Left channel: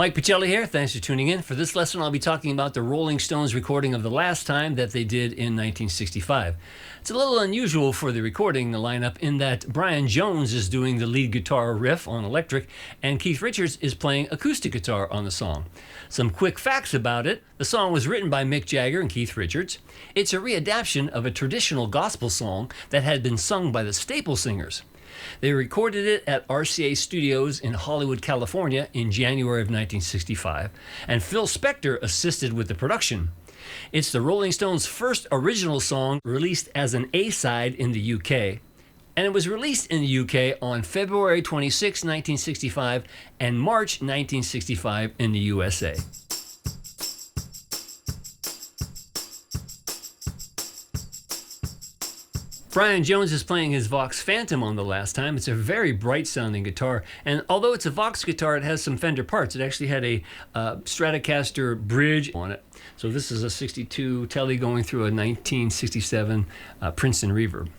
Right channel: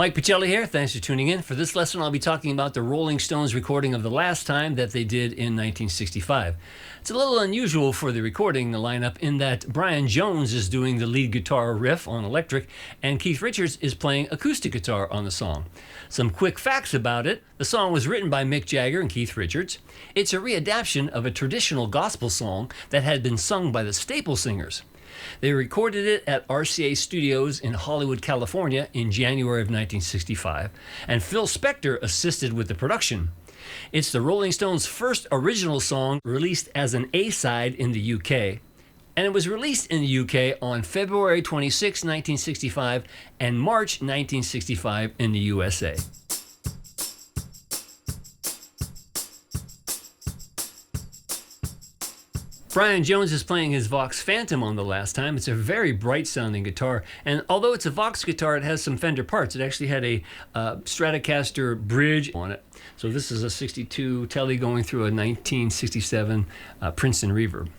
Mike Pachelli here. Thanks for tuning in. For this lesson, I'll be talking about the Rolling Stones recording of The Last Time that they did in 1965. It's a little unusual for the recording lineup in that Brian Jones is doing the lead guitar riff on electric and Keith Richards is playing acoustic guitar on the song. Some quick facts about it. The song was written by Mick Jagger and Keith Richards. It's a readaptation of a traditional gospel song that had been sung by the Staple Singers. They recorded it at RCA Studios in Hollywood, California in January of 1965, and Phil Spector assisted with the production. It's the Rolling Stones' first original song released as an A-side in the UK, and it was released in the UK on February 26, 1965 and March 1965 in the USA. Brian Jones is playing his Vox Phantom on The Last Time. It's a very bright sounding guitar, and although it's a Vox guitar, it has some Fender parts. It actually had a Stratocaster bridge on it. So this is a 62 Tele going through a 1967 Princeton reverb.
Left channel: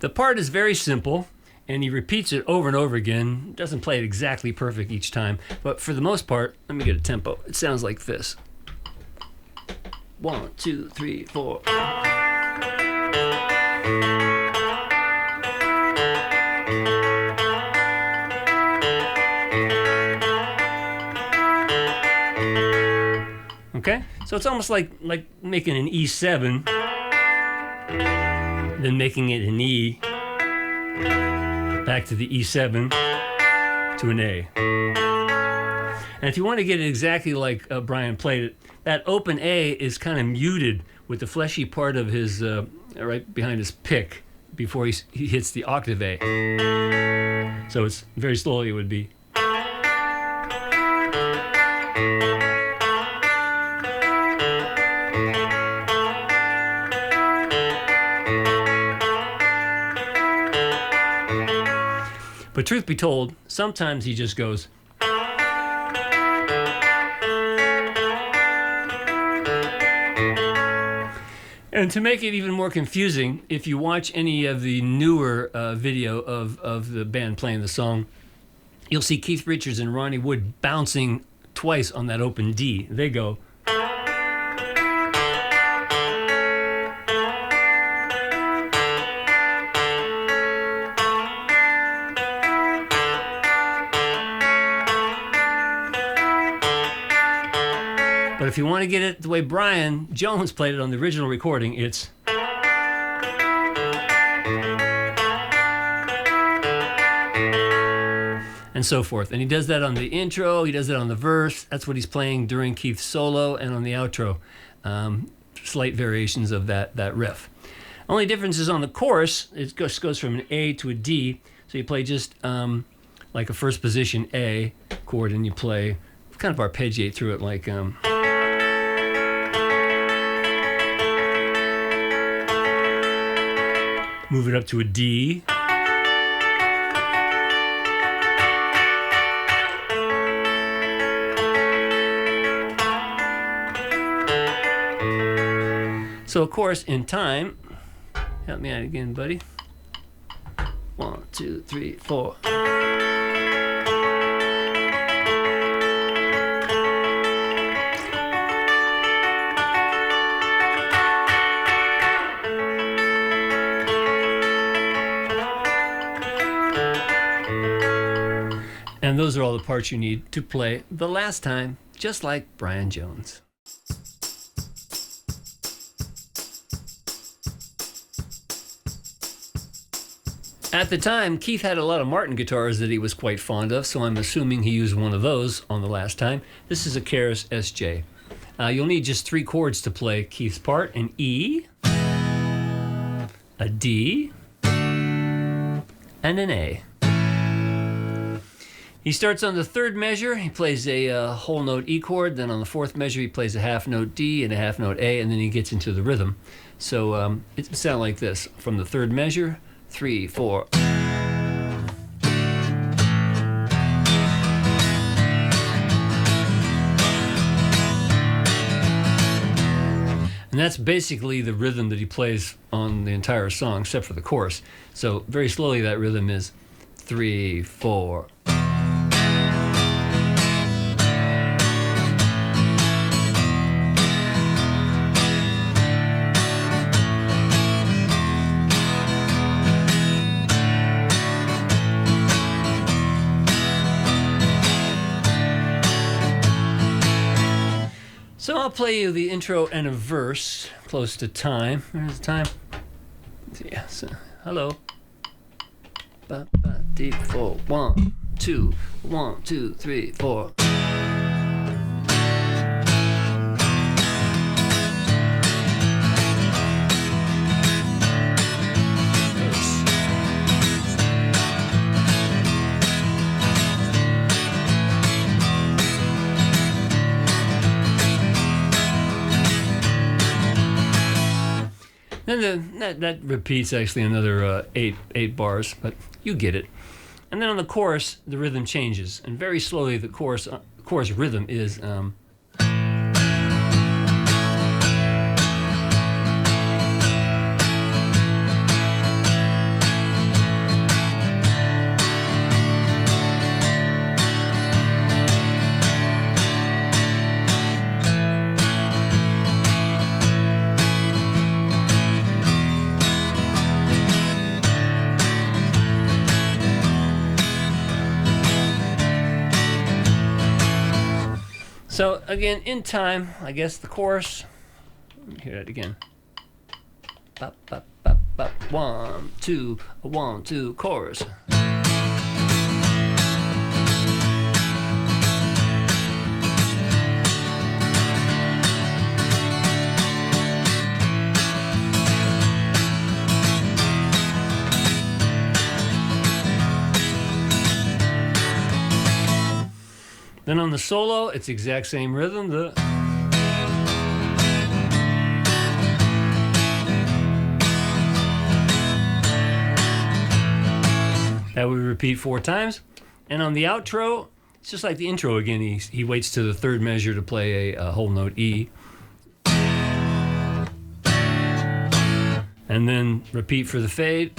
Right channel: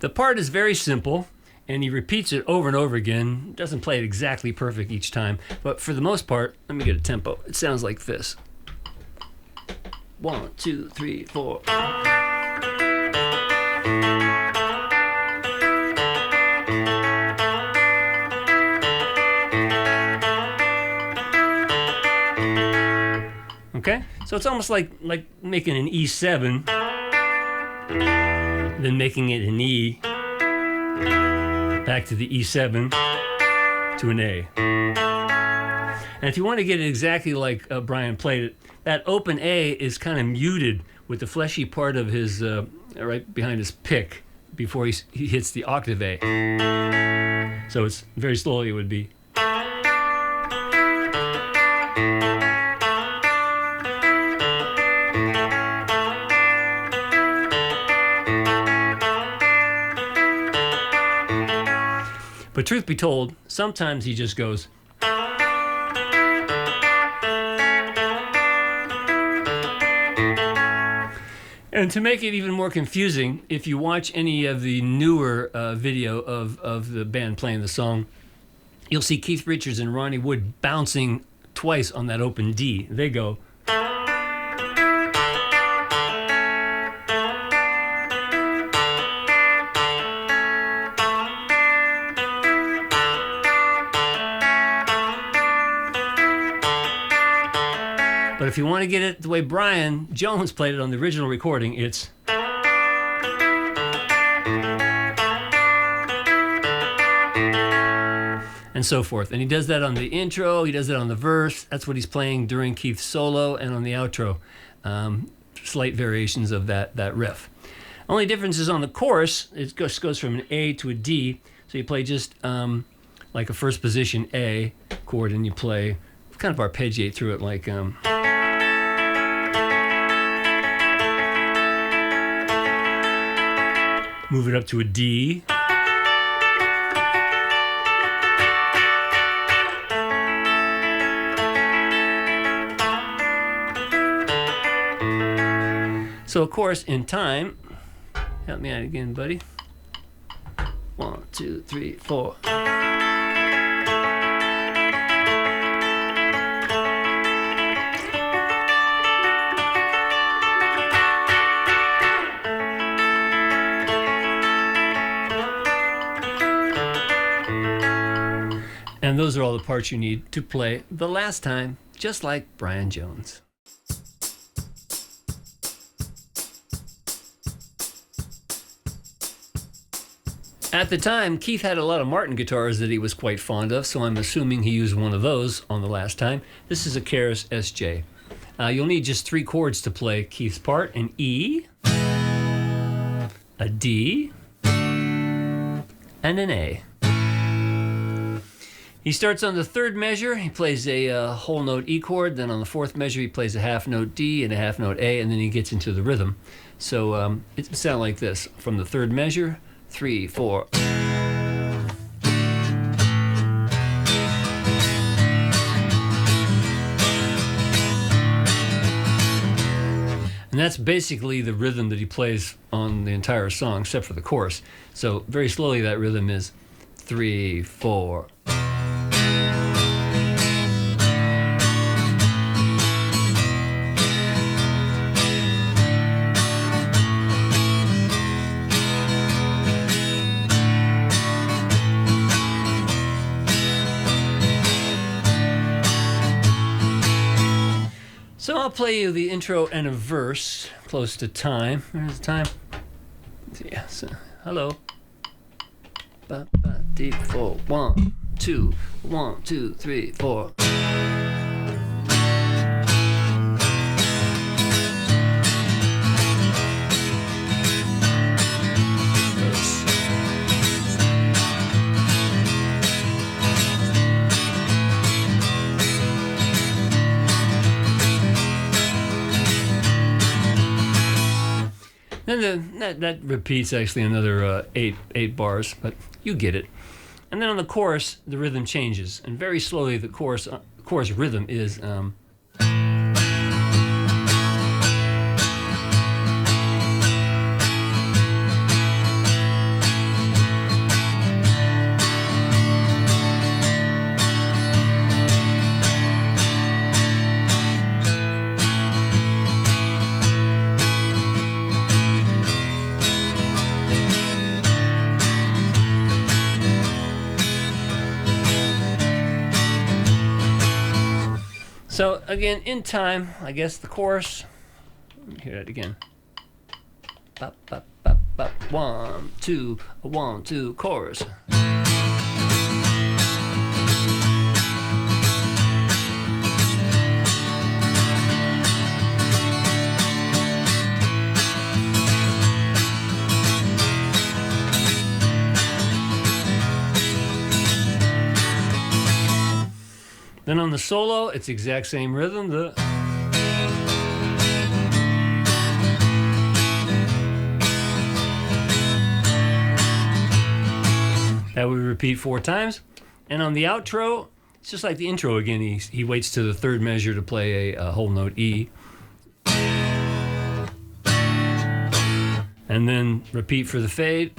The part is very simple, and he repeats it over and over again. Doesn't play it exactly perfect each time, but for the most part, let me get a tempo. It sounds like this. 1, 2, 3, 4. Okay, so it's almost like making an E7, then making it an E, back to the E7, to an A. And if you want to get it exactly like Brian played it, that open A is kind of muted with the fleshy part of his, right behind his pick, before he hits the octave A. So it's very slowly it would be. But truth be told, sometimes he just goes. And to make it even more confusing, if you watch any of the newer video of the band playing the song, you'll see Keith Richards and Ronnie Wood bouncing twice on that open D. They go. But if you want to get it the way Brian Jones played it on the original recording, it's. And so forth. And he does that on the intro, he does that on the verse. That's what he's playing during Keith's solo and on the outro. Slight variations of that riff. Only difference is on the chorus, it just goes from an A to a D. So you play just like a first position A chord, and you play kind of arpeggiate through it like. Move it up to a D. So of course, in time, help me out again, buddy. 1, 2, 3, 4. And those are all the parts you need to play The Last Time, just like Brian Jones. At the time, Keith had a lot of Martin guitars that he was quite fond of, so I'm assuming he used one of those on The Last Time. This is a Keras SJ. You'll need just 3 chords to play Keith's part: an E, a D, and an A. He starts on the 3rd measure, he plays a whole note E chord, then on the 4th measure he plays a half note D and a half note A, and then he gets into the rhythm. So it sounds like this. From the 3rd measure, 3, 4. And that's basically the rhythm that he plays on the entire song, except for the chorus. So very slowly that rhythm is 3, 4. I'll play you the intro and a verse close to time. There's time. Yeah, so, hello. Ba, ba, deep, 4, 1, 2, 1, 2, 3, 4. Then that repeats actually another eight bars, but you get it. And then on the chorus, the rhythm changes, and very slowly the chorus rhythm is. So again, in time, I guess the chorus. Let me hear that again. Bop, bop, bop, bop. 1, 2, 1, 2, chorus. Then on the solo, it's the exact same rhythm. That would repeat 4 times. And on the outro, it's just like the intro again. He waits to the third measure to play a whole note E. And then repeat for the fade.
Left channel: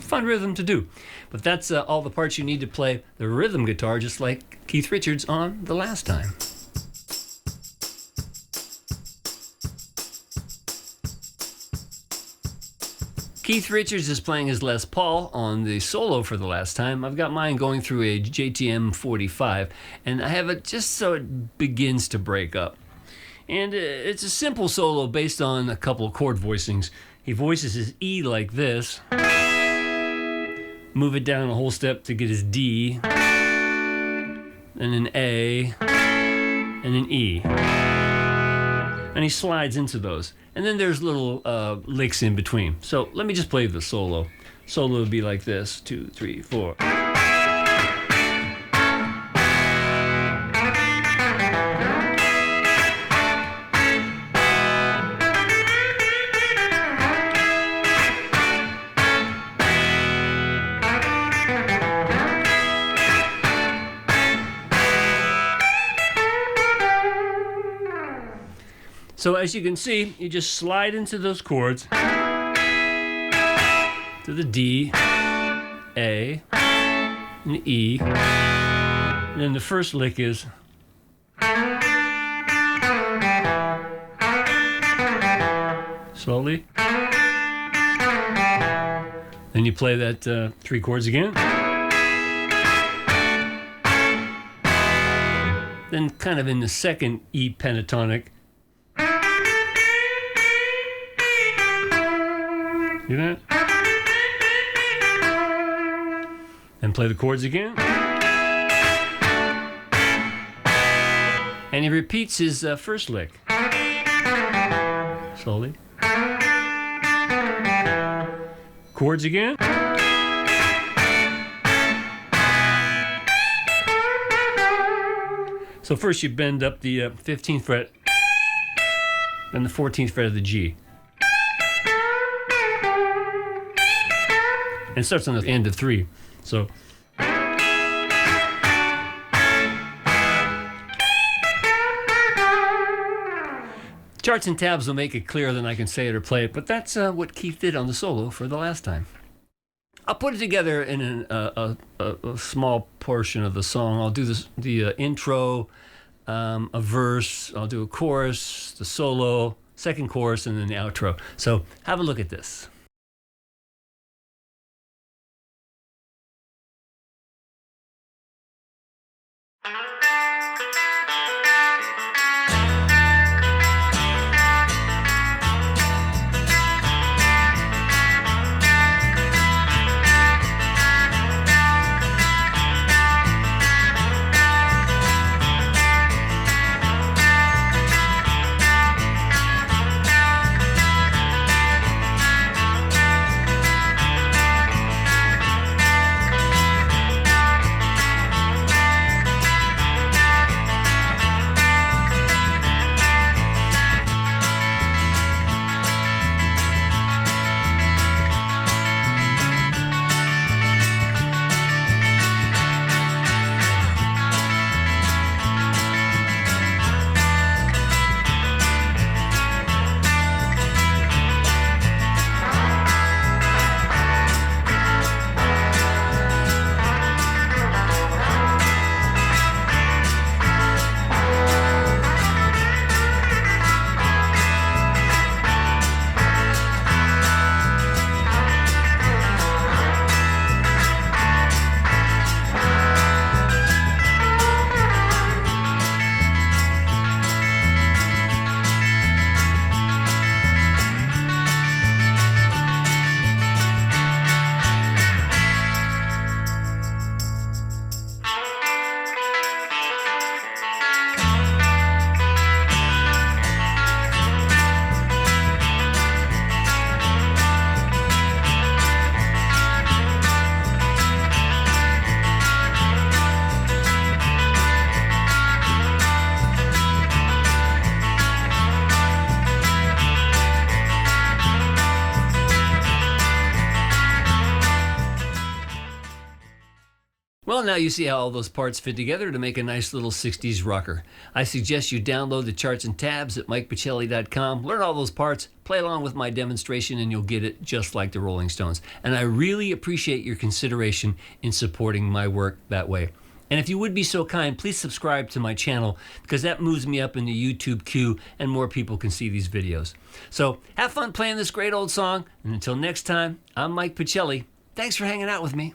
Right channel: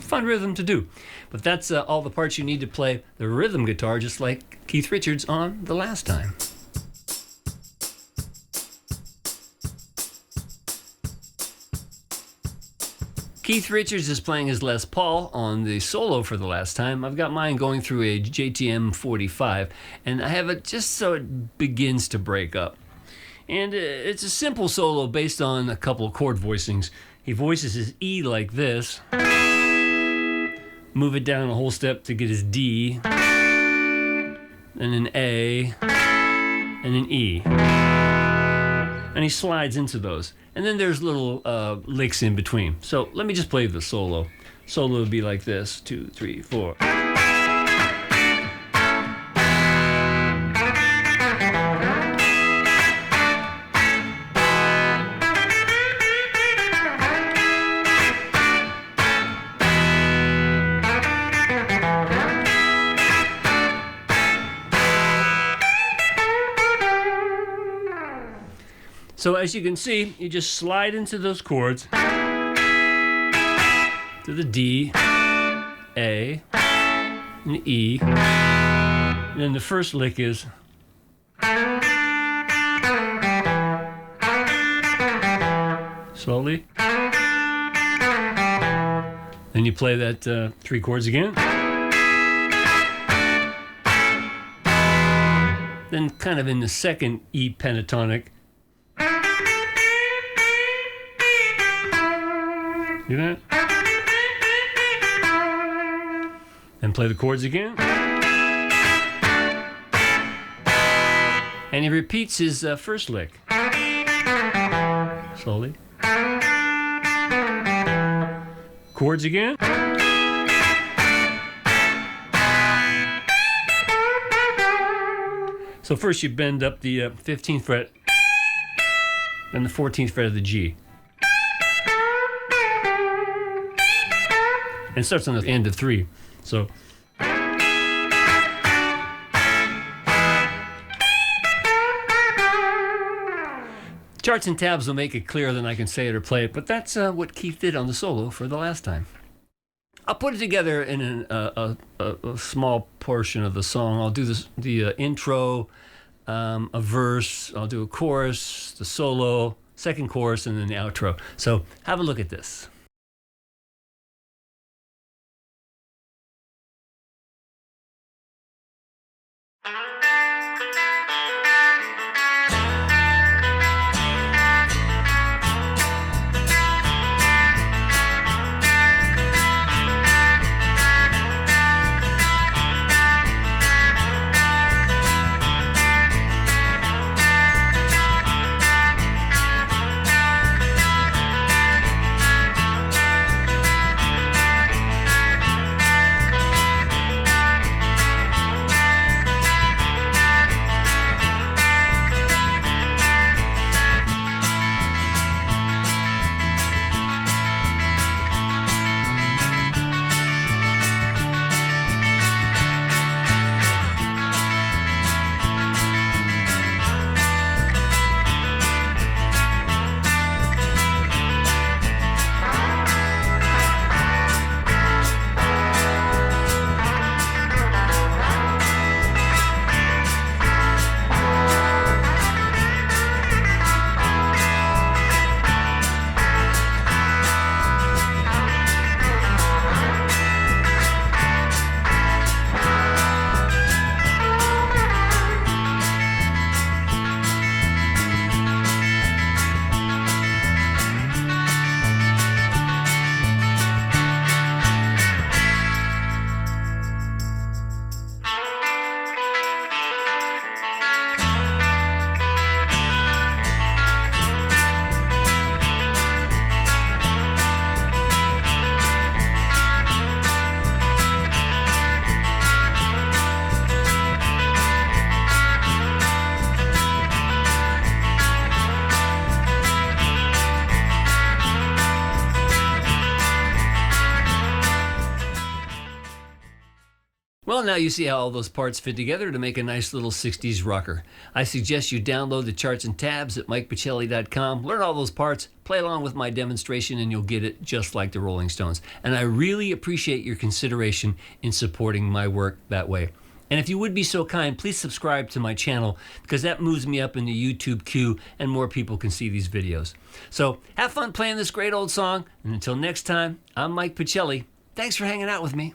Fun rhythm to do. But that's all the parts you need to play the rhythm guitar, just like Keith Richards on The Last Time. Keith Richards is playing his Les Paul on the solo for The Last Time. I've got mine going through a JTM 45, and I have it just so it begins to break up. And it's a simple solo based on a couple of chord voicings. He voices his E like this. Move it down a whole step to get his D, and an A, and an E. And he slides into those. And then there's little licks in between. So let me just play the solo. Solo would be like this, 2, 3, 4. So as you can see, you just slide into those chords to the D, A, and E. And then the first lick is slowly. Then you play that 3 chords again. Then kind of in the second E pentatonic. Do that. And play the chords again. And he repeats his first lick. Slowly. Chords again. So first you bend up the 15th fret, then the 14th fret of the G. And it starts on the end of 3. So charts and tabs will make it clearer than I can say it or play it, but that's what Keith did on the solo for The Last Time. I'll put it together in a small portion of the song. I'll do the intro, a verse, I'll do a chorus, the solo, second chorus, and then the outro. So have a look at this. Well, now you see how all those parts fit together to make a nice little 60s rocker. I suggest you download the charts and tabs at MikePachelli.com, learn all those parts, play along with my demonstration, and you'll get it just like the Rolling Stones. And I really appreciate your consideration in supporting my work that way. And if you would be so kind, please subscribe to my channel, because that moves me up in the YouTube queue and more people can see these videos. So have fun playing this great old song, and until next time, I'm Mike Pachelli. Thanks for hanging out with me.